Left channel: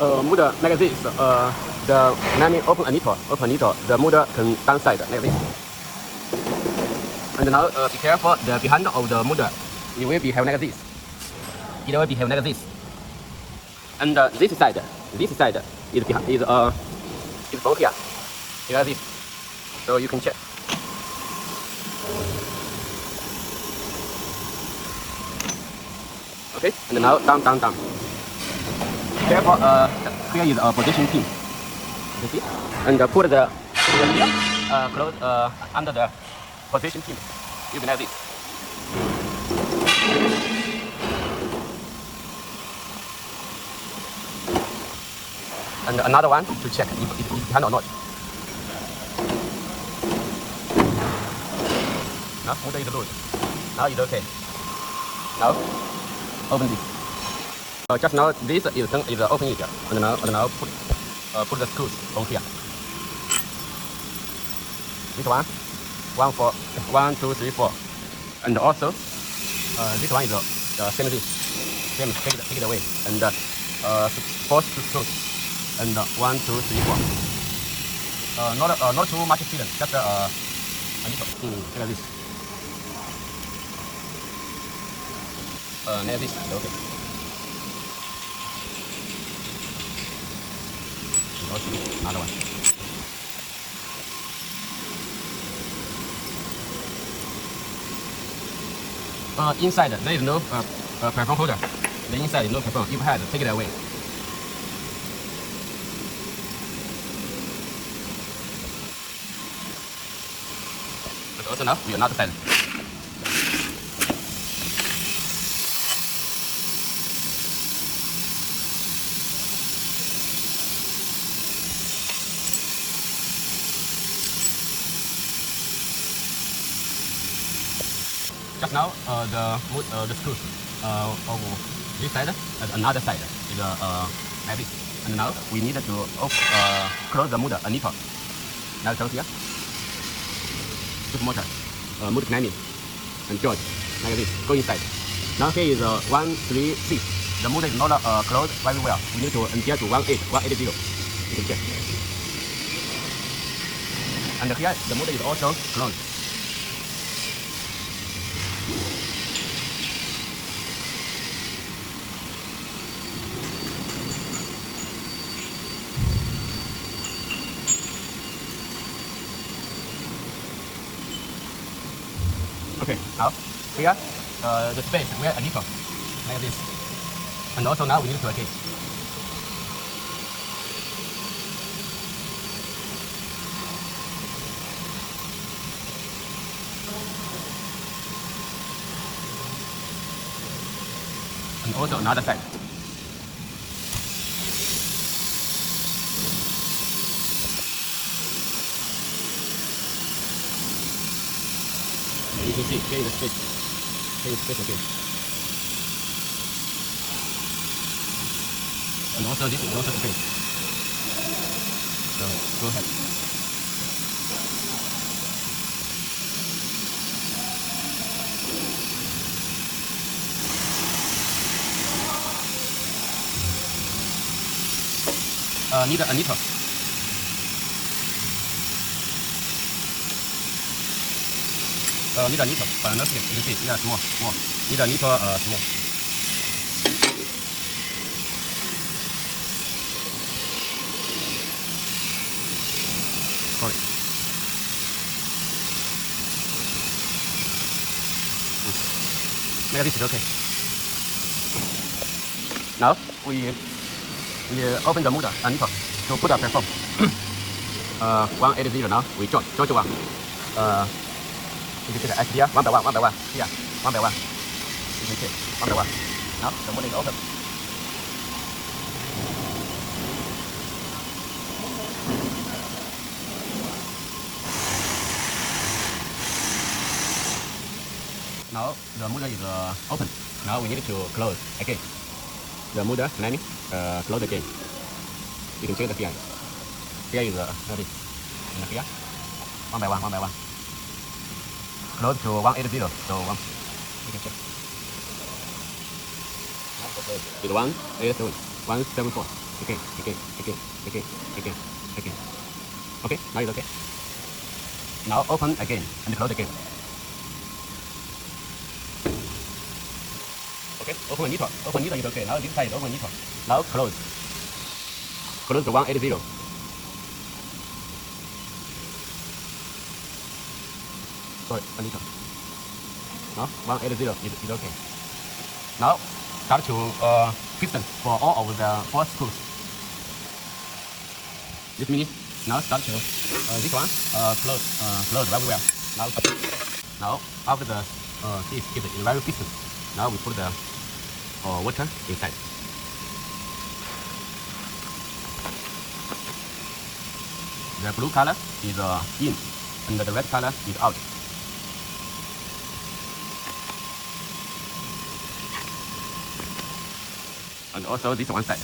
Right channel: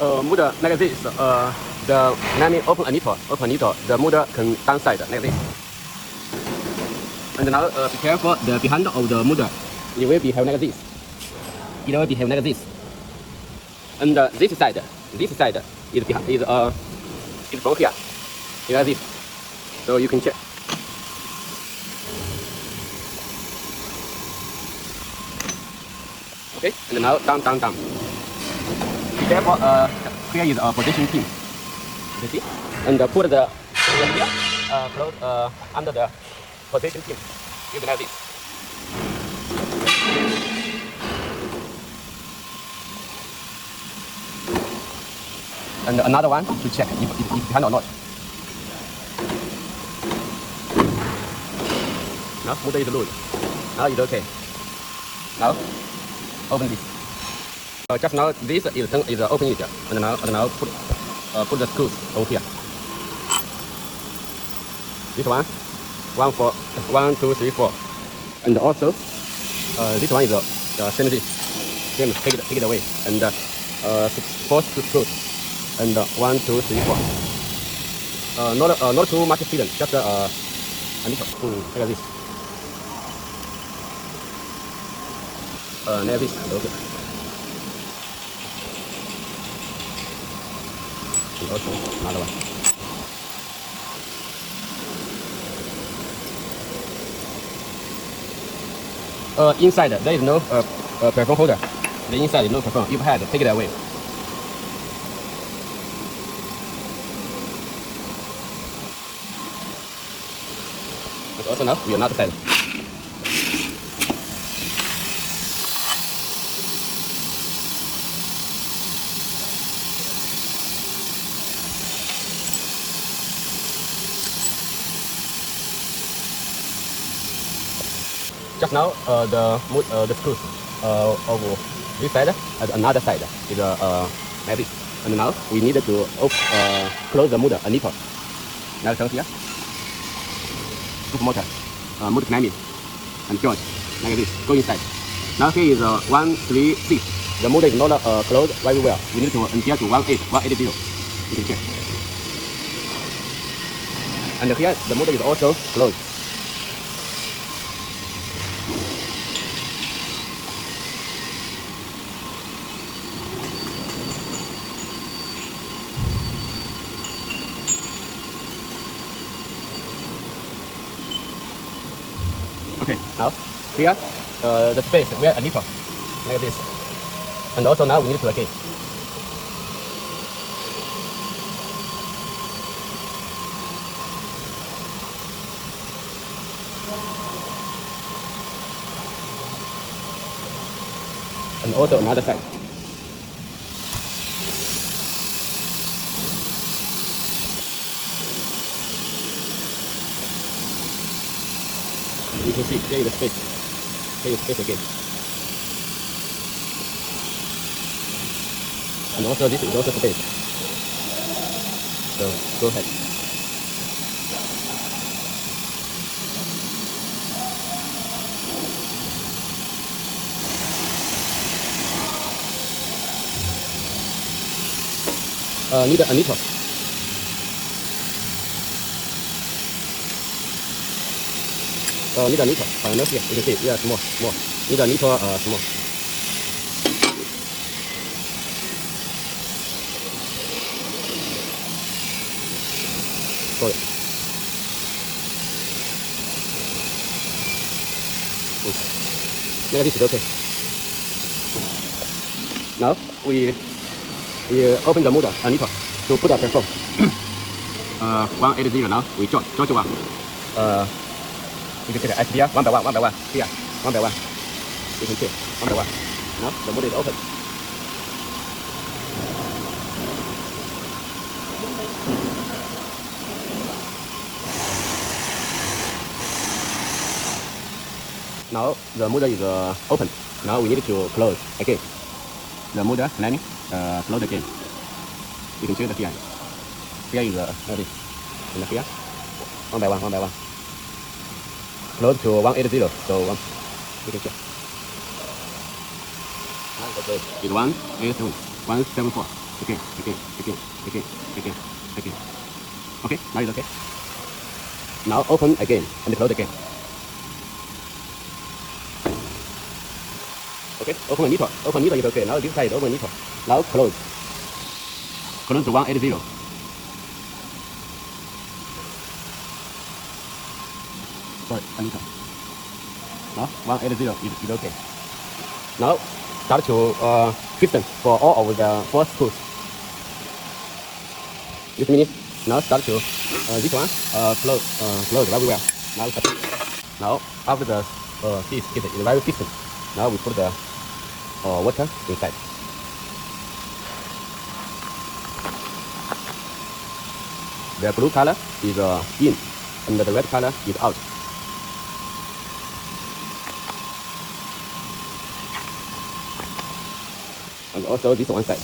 model like this. Let me open a little. The model can downside like this. And now be careful. The behind of the model, it will behave like this. It will behave like this. And this side is from here. Like this. So you can check. Okay. And now down. Careful, here is a protection pin. You see? And put the close under the protection pin. You can have this. And another one to check if it can or not. Now, motor is good. Now it's okay. Now, open this. Just now, this is open it, and now put the screws over here. This one, 1, 2, 3, 4, and also this one is same this. Then take it away, and 6 screws, and 1, 2, 3, 4. Not too much sealant, just a little, like this. Like this, okay. Also another one. Inside there is no perfume holder. The inside is no perfume. If had, take it away. But also now you are not side. Just now, the screws of this side and another side is like this. And now we need to close the motor a little. Now down here, put motor climbing and joint like this. Go inside. Now here is 136. The motor is not closed very well. We need to adjust to 180. You can check. And here the motor is also closed. Okay, now here the space where a nipple like this, and also now we need to again. And also another side. You can see there is a space. There is space again. And also this is also space. So go ahead. Need a nipple. Need a nipple. No here. You can see, yeah, small. Need a nipple, small. Sorry. Maybe this is okay. Now we open the motor a nipple to put a perform. 180 now. We draw one. You can see the idea 1 by 1 here 1 by 1. You can see 1 by 1. Now the motor is open. Now the motor is open. Now we need to close again. The motor climbing close again. You can check the here. Here is ready. And here 1 by 1. Close to 180. So you can check. It's 187. 174. again. Okay, now it's okay. Now open again and close again. Okay, open a little. Open a little is okay. Now this side open a little. Now close. Close to 180. Sorry, a little. Now 180 is okay. Now start to piston for all of the 4 screws. This minute. Now start to this one close very well. Now after the this is very piston. Now we put the water inside. The blue color is in, and the red color is out. And also this one side.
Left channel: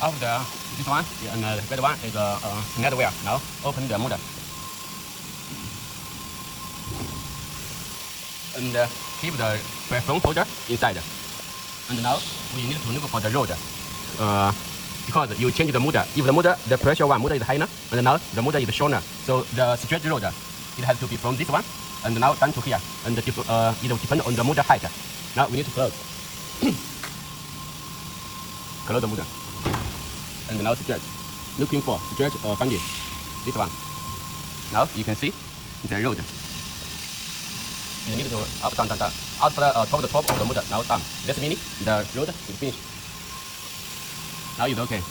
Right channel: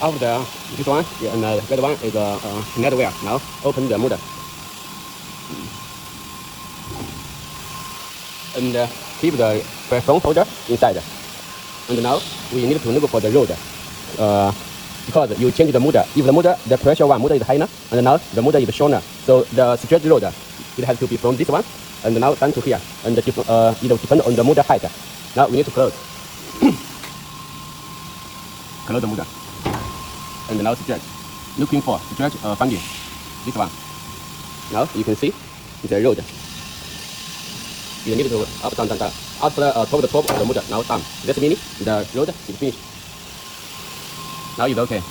After this one, yeah, and the red one is net wear. Now open the motor and keep the phone holder inside. And now we need to look for the road because you change the motor. If the pressure motor is higher, and now the motor is shorter, so the stretch road it has to be from this one and now down to here, and it depends on the motor height. Now we need to close. Close the motor. And now stretch. Looking for stretch finding. This one. Now you can see the road. You need to up, down. After top the top of the motor. Now down. This means the road is finished. Now it's okay.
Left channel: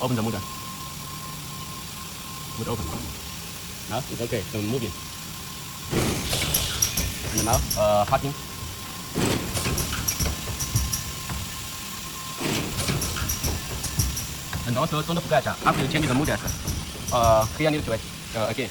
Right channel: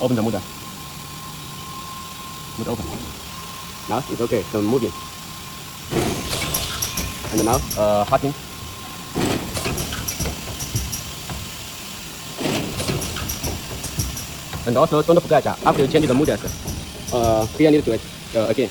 Open the motor. Motor open. Now it's okay. So moving. And now parking. And also don't forget after you change the motors, here need to again.